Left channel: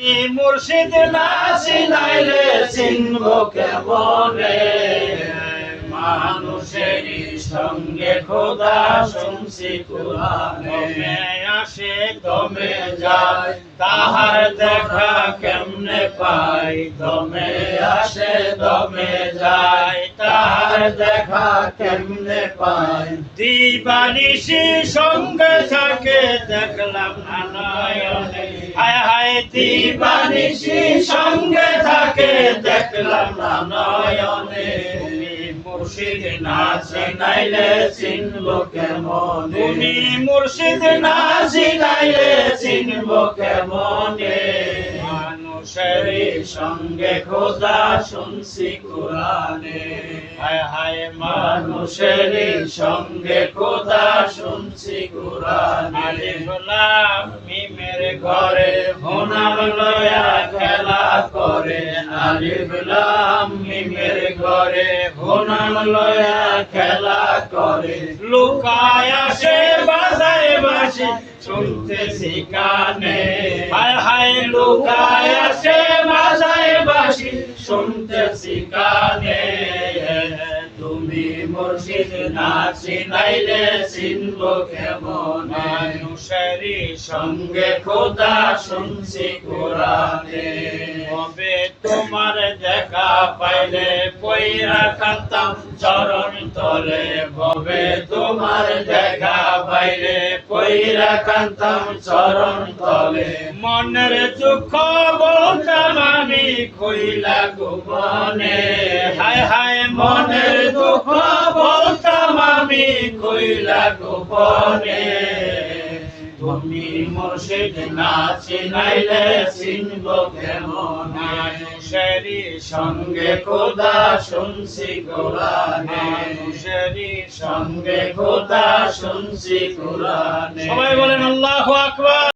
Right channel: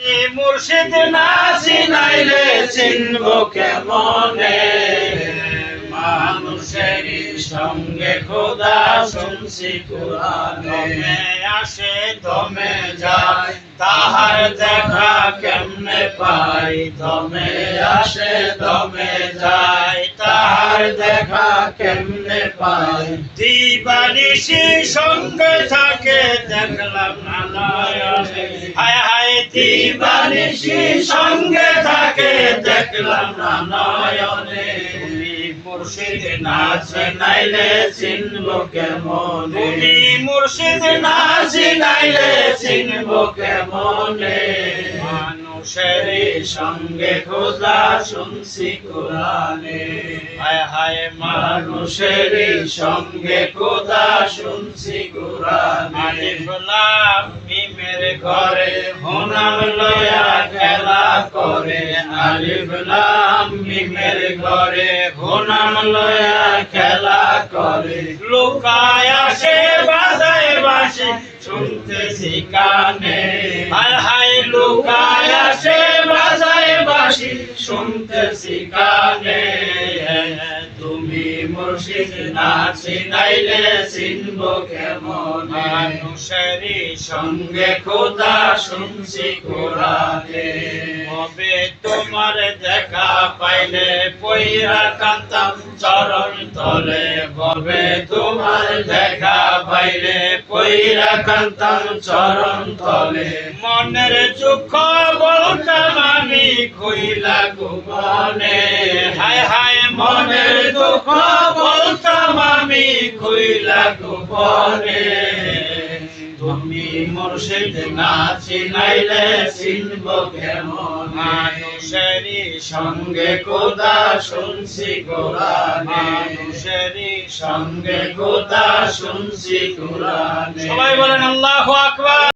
মুর্শিদ না চিনাইলে চিনব কেমনে, মানুষের সঙ্গে খোদা শুনছি কুরআনে। আসে দমে যায় তাহার দেখা কেমনে পাই, দমে আসে দমে যায় তাহার দেখা কেমনে পাই। দিবানিশি সঙ্গে থাকে দেখলাম না নয়নে, হায় হায় দিবানিশি সঙ্গে থাকে দেখলাম না নয়নে। মুর্শিদ না চিনাইলে চিনব কেমনে, তুমি মুর্শিদ না চিনাইলে চিনব কেমনে। মানুষের সঙ্গে খোদা শুনছি কুরআনে, হায় হায় মানুষের সঙ্গে খোদা শুনছি কুরআনে। আলিফ লাম মিমের ঘরে হোনাম লয়া খেলা করে, আলিফ লাম মিমের ঘরে হোনাম লয়া খেলা করে। লুকায় আসে বাজায় বাঁশি শুনতেছি কানে, হায় হায় লুকায় আসে বাজায় বাঁশি শুনতেছি কানে। তুমি মুর্শিদ না চিনাইলে চিনব কেমন, মানুষের সঙ্গে খোদা শুনছি কুরআনে। কবে তোমার দেখা পাইলে পইরা কাঁদতাম চরণ তলে, কবে তোমার দেখা পাইলে পইরা কাঁদতাম চরণ তলে। মনের দুঃখ বলতাম আমি কইলা গোপনে, হায় হায় মনের দুঃখ বলতাম আমি কইলা গোপনে। তুমি মুর্শিদ না চিনাইলে চিনব কেমন, মানুষের সঙ্গে খোদা শুনছি কুরআনে, মানুষের সঙ্গে খোদা শুনছি কুরআনে। সবাই বলেন আল্লাহু আকবার।